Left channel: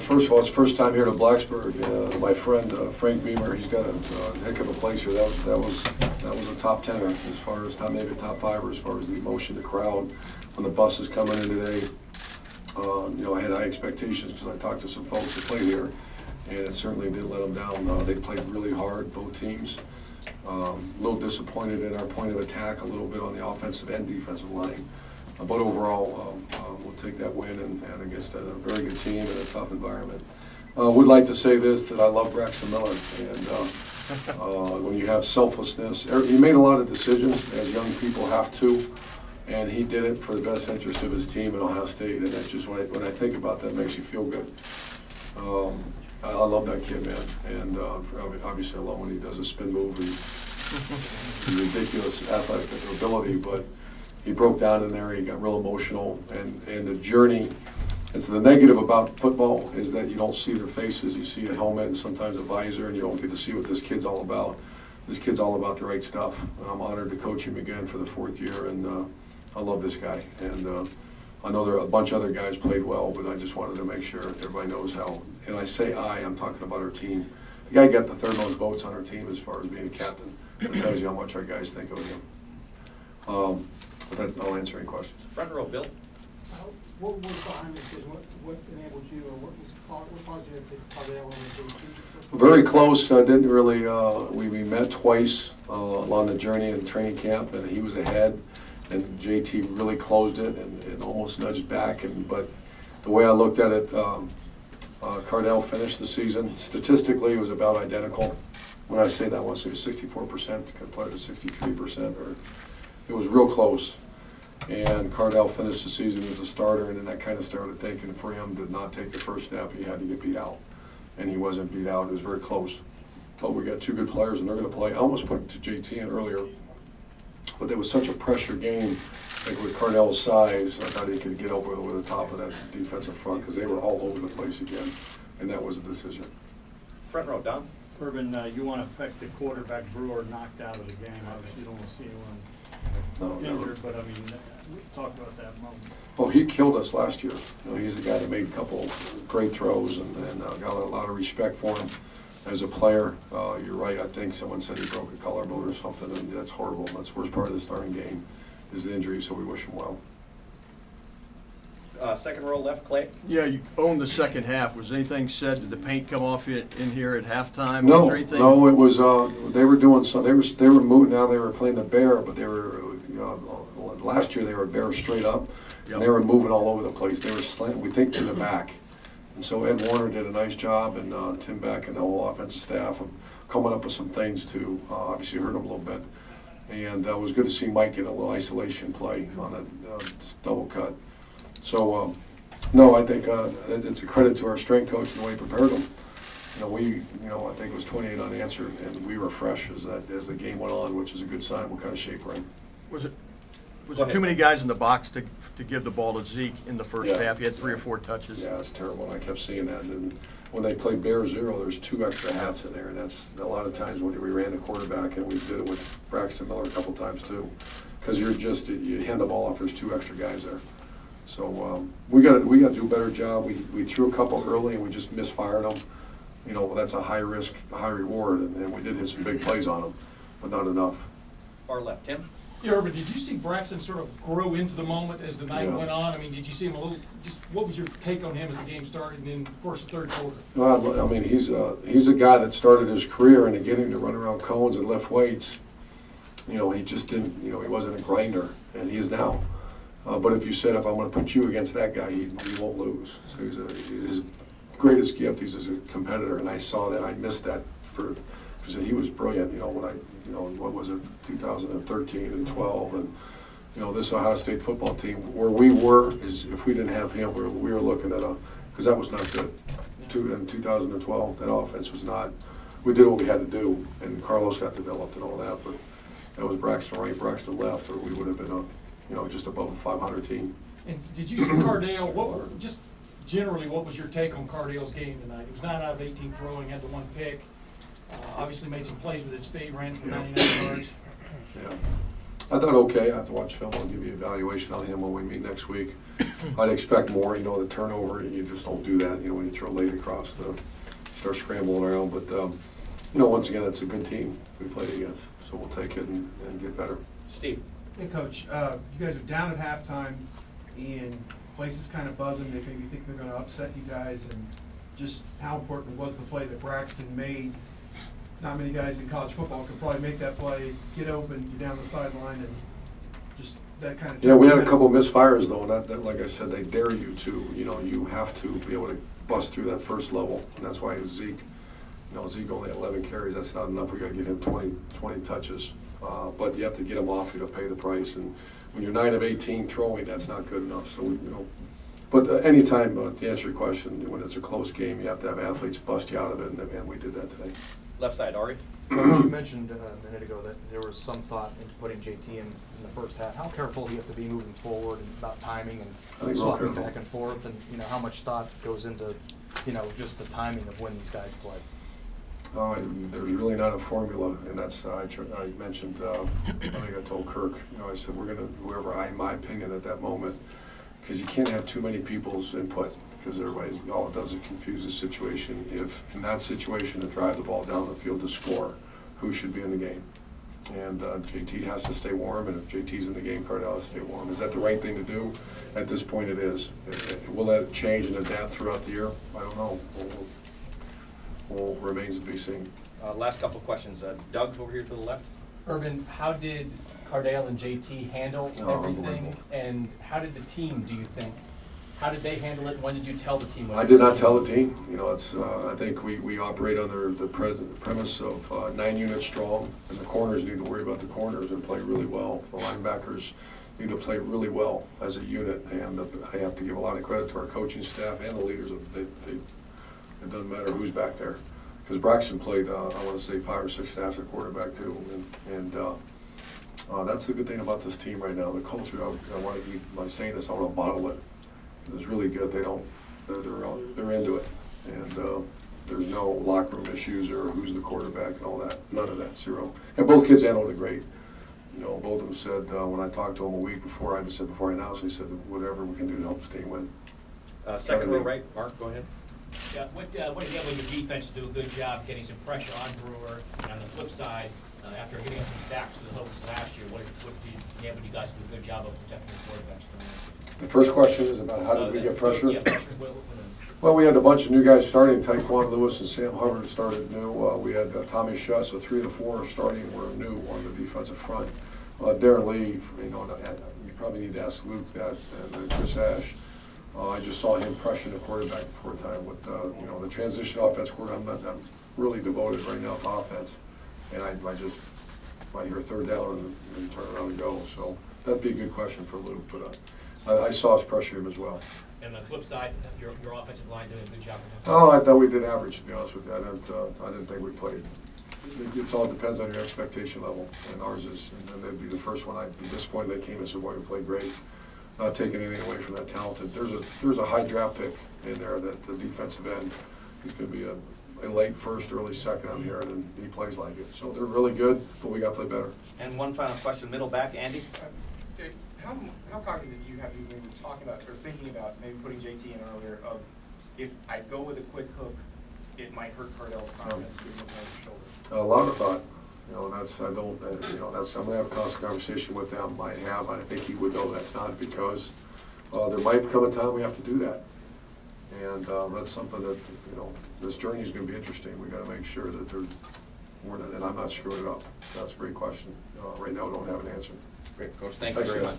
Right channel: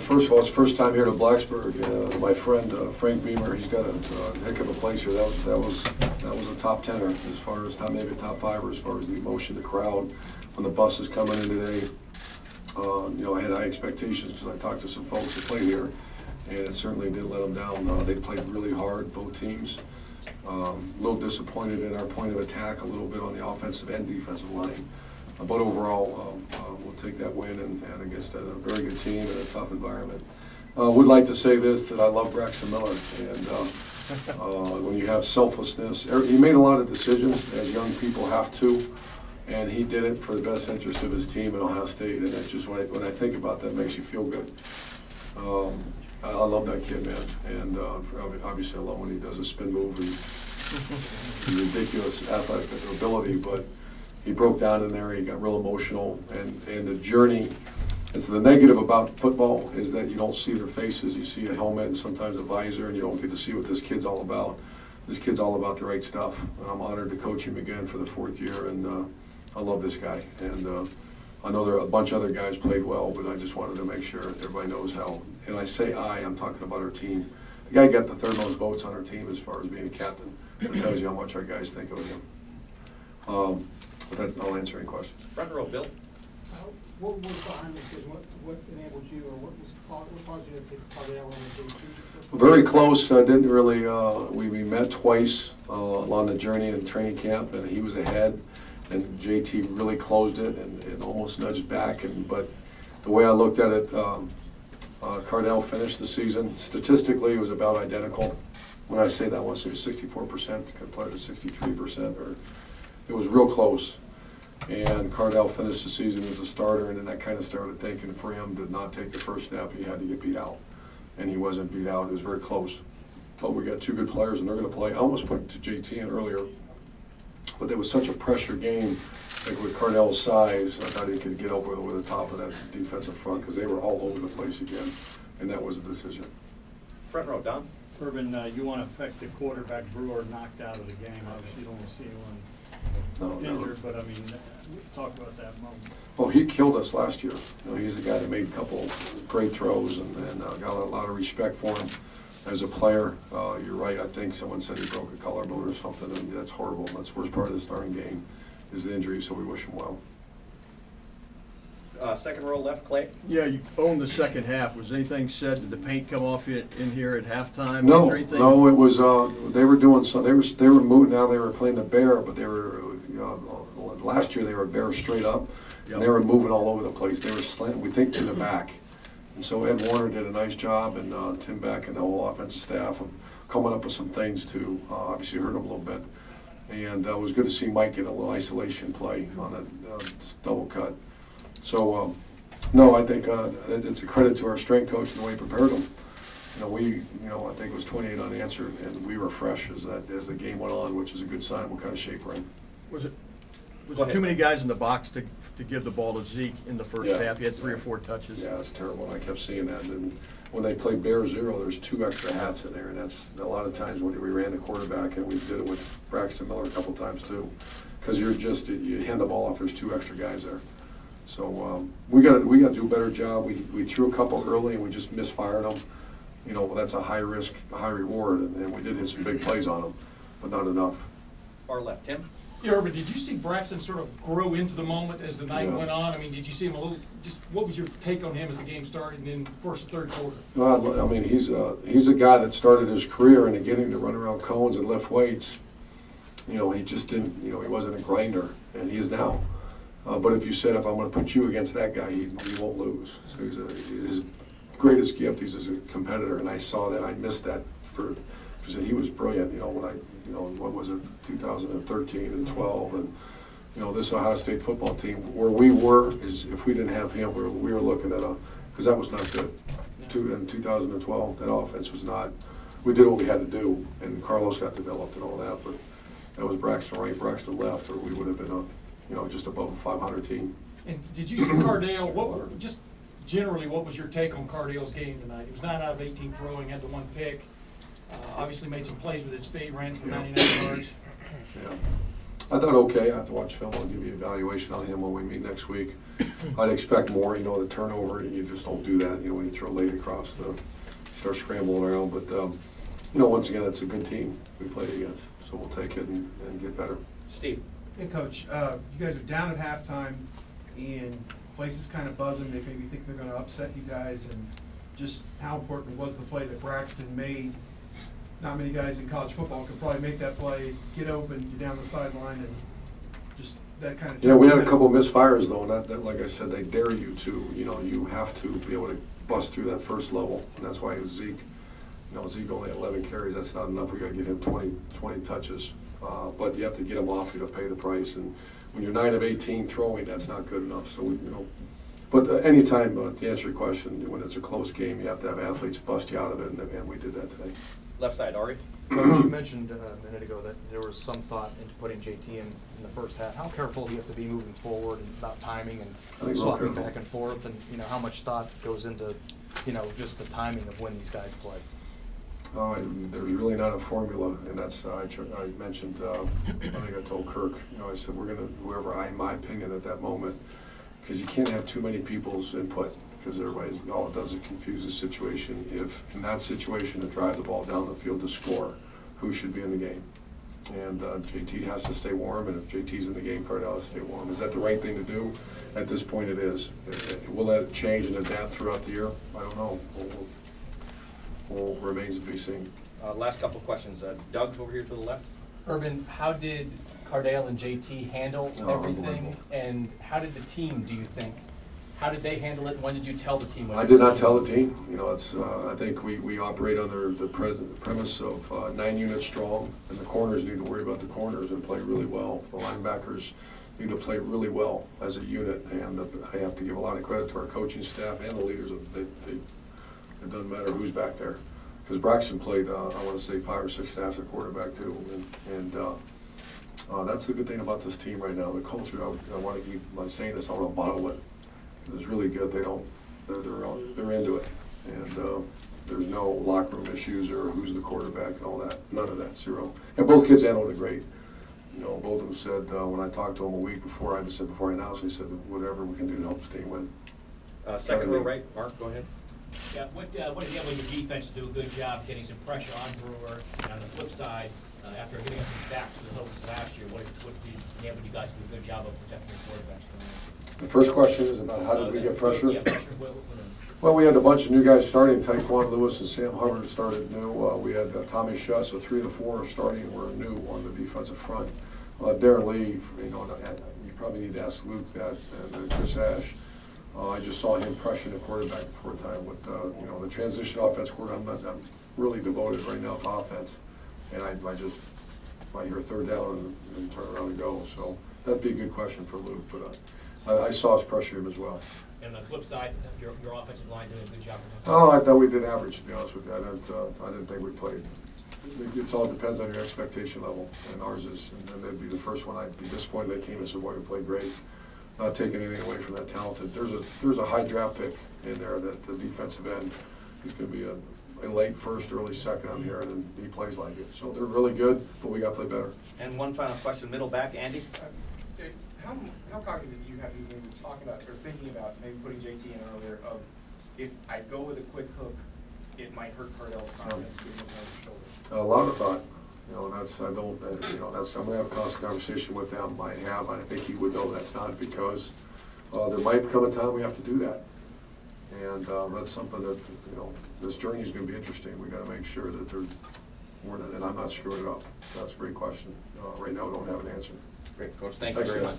First of all, it's first time here to Blacksburg. My friend Frank Beamer, he's got a heck of a place here. That was a top 10er as far as maybe a top 5er as far as the emotion, the crowd. When the bus is coming in today, I had high expectations because I talked to some folks that played here, and it certainly didn't let them down. They played really hard, both teams. A little disappointed in our point of attack, a little bit on the offensive and defensive line. But overall, we'll take that win and against a very good team in a tough environment. Would like to say this, that I love Braxton Miller. And when you have selflessness, he made a lot of decisions, as young people have to, and he did it for the best interest of his team at Ohio State. And that's just when I think about that, it makes you feel good. I love that kid, man. And obviously I love when he does a spin move and ridiculous athletic ability, but he broke down in there, he got real emotional, and the journey. And so the negative about football is that you don't see their faces. You see a helmet and sometimes a visor, and you don't get to see what this kid's all about. This kid's all about the right stuff, and I'm honored to coach him again for the 4th year, and I love this guy. And I know there are a bunch of other guys played well, but I just wanted to make sure everybody knows how. And I say I'm talking about our team. The guy got the 3rd most votes on our team as far as being a captain. That tells you how much our guys think of him. But I'll answer any questions. Front row, Bill. What was behind this? What enabled you, or what caused you to pick Cardale on the JT? Very close. Didn't really. We met twice along the journey in training camp, and he was ahead, and JT really closed it and almost nudged back. But the way I looked at it, Cardale finished the season. Statistically, it was about identical. When I say that, I want to say it was 64% compared to 63%, or it was real close. And Cardale finished the season as a starter, and then that kind of started thinking for him to not take the first step, he had to get beat out. And he wasn't beat out. It was very close. But we got 2 good players, and they're going to play. I almost put it to JT in earlier, but there was such a pressure game. Like with Cardale's size, I thought he could get over the top of that defensive front because they were all over the place again, and that was the decision. Front row, Don. Urban, you want to affect the quarterback Brewer knocked out of the game. Obviously, you don't want to see anyone injured, but I mean, talk about that moment. Well, he killed us last year. He's a guy that made a couple great throws and got a lot of respect for him as a player. You're right. I think someone said he broke a collarbone or something, and that's horrible. That's the worst part of the starting game is the injury, so we wish him well. Second row left, Clay. Yeah, you owned the second half. Was anything said? Did the paint come off in here at halftime? No, or anything? no. It was they were doing some. They were moving. Now they were playing the Bear, but they were last year they were Bear straight up, yep. And they were moving all over the place. They were slanting, we think, to the back, and so Ed Warner did a nice job, and Tim Beck and the whole offensive staff of coming up with some things to obviously hurt them a little bit. And it was good to see Mike get a little isolation play on a double cut. So, no, I think it's a credit to our strength coach and the way he prepared them. I think it was 28 unanswered, and we were fresh as the game went on, which is a good sign what kind of shape we're in. Was there too many guys in the box to give the ball to Zeke in the first half? He had 3 or 4 touches. Yeah, it's terrible. I kept seeing that. And when they played Bear Zero, there's 2 extra hats in there, and that's a lot of times when we ran the quarterback, and we did it with Braxton Miller a couple times too, because you hand the ball off. There's 2 extra guys there. So we got to do a better job. We threw a couple early and we just misfired them. That's a high risk, high reward, and we did hit some big plays on them, but not enough. Far left, Tim. Yeah, Urban, did you see Braxton sort of grow into the moment as the night went on? I mean, did you see him a little? Just what was your take on him as the game started and in first and third quarter? Well, I mean, he's a guy that started his career and getting to run around cones and lift weights. He just didn't. He wasn't a grinder, and he is now. But if you said, if I'm going to put you against that guy, he won't lose. So his greatest gift, he's as a competitor, and I saw that. I missed that because he was brilliant. What was it, 2013 and 12, and this Ohio State football team, where we were is if we didn't have him, we were looking at because that was not good. In 2012, that offense was not. We did what we had to do, and Carlos got developed and all that, but that was Braxton right, Braxton left, or we would have been just above a 500 team. And did you see Cardale? Just generally, what was your take on Cardale's game tonight? It was 9 out of 18 throwing, had the 1 pick. Obviously made some plays with his feet, ran for 99 yards. Yeah. I thought, okay, I have to watch film. I'll give you an evaluation on him when we meet next week. I'd expect more, you know, the turnover, you just don't do that, you know, when you throw late across start scrambling around. But, you know, once again, it's a good team we played against, so we'll take it and get better. Steve. Hey, Coach, you guys are down at halftime, and place is kind of buzzing. They maybe think they're going to upset you guys, and just how important was the play that Braxton made? Not many guys in college football could probably make that play, get open, get down the sideline, and just that kind of. Yeah, we had a couple of misfires though, and that, like I said, they dare you to. You know, you have to be able to bust through that first level, and that's why it was Zeke. You know, Zeke only had 11 carries. That's not enough. We got to give him 20 touches, but you have to get him off you to pay the price. And when you're 9 of 18 throwing, that's not good enough. So you know. But anytime, to answer your question, when it's a close game, you have to have athletes bust you out of it, and we did that today. Left side, Ari. You mentioned a minute ago that there was some thought into putting JT in the first half. How careful do you have to be moving forward and about timing and swapping back and forth, and you know how much thought goes into, you know, just the timing of when these guys play? There's really not a formula, and that's I mentioned. I think I told Kirk. You know, I said we're gonna in my opinion at that moment, because you can't have too many people's input. Because everybody, all it does is confuse the situation. If in that situation to drive the ball down the field to score, who should be in the game? And JT has to stay warm, and if JT's in the game, Cardell has to stay warm. Is that the right thing to do? At this point, it is. Will that change and adapt throughout the year? I don't know. Remains to be seen. Last couple of questions. Doug, over here to the left. Urban, how did Cardale and JT handle everything? Unbelievable. And how did the team, do you think? How did they handle it, and when did you tell the team? I did not tell the team. You know, it's. I think we operate under the premise of 9 units strong, and the corners need to worry about the corners and play really well. The linebackers need to play really well as a unit, and I have to give a lot of credit to our coaching staff and the leaders. It doesn't matter who's back there, because Braxton played. I want to say 5 or 6 staffs at quarterback too, and that's the good thing about this team right now. The culture. I want to keep by saying this. I want to bottle it. It's really good. They're into it, and there's no locker room issues or who's the quarterback and all that. None of that, zero. And both kids handled it great. You know, both of them said when I talked to them a week before, I just said before I announced, they said whatever we can do to help the team win. Second row right, Mark, go ahead. Yeah, what again when your defense do a good job getting some pressure on Brewer, and on the flip side, after giving up these backs to the Hokies last year, what did you guys do a good job of protecting the quarterbacks? The first question is about how did we get pressure? Yeah, pressure. Well, we had a bunch of new guys starting. Tyquan Lewis and Sam Hubbard started new. We had Tommy Shutt, so 3 of the 4 starting were new on the defensive front. Darren Lee, you know, you probably need to ask Luke that, and Chris Ash. I just saw him pressure the quarterback before time with you know, the transition offense quarterback. I'm really devoted right now to offense, and I hear 3rd down and turn around and go. So that'd be a good question for Luke, but I saw us pressure him as well. And on the flip side, your offensive line doing a good job. Oh, I thought we did average, to be honest with you. I didn't think we played. It all depends on your expectation level, and ours is. And they'd be the first one. I'd be disappointed they came and said, "Boy, we played great." Not taking anything away from that talented. There's a high draft pick in there that the defensive end. He's going to be a late first, early second on here, and he plays like it. So they're really good, but we got to play better. And one final question, middle back, Andy. How cognizant did you have when we were talking about or thinking about maybe putting JT in earlier of if I go with a quick hook, it might hurt Cardell's confidence getting up on his shoulder? A lot of thought. You know, I'm gonna have a constant conversation with them. I think he would know that's not because there might come a time we have to do that. And that's something that, you know, this journey is gonna be interesting. We gotta make sure that and I'm not screwing it up. That's a great question. Right now, I don't have an answer. Great, Coach. Thank you very much.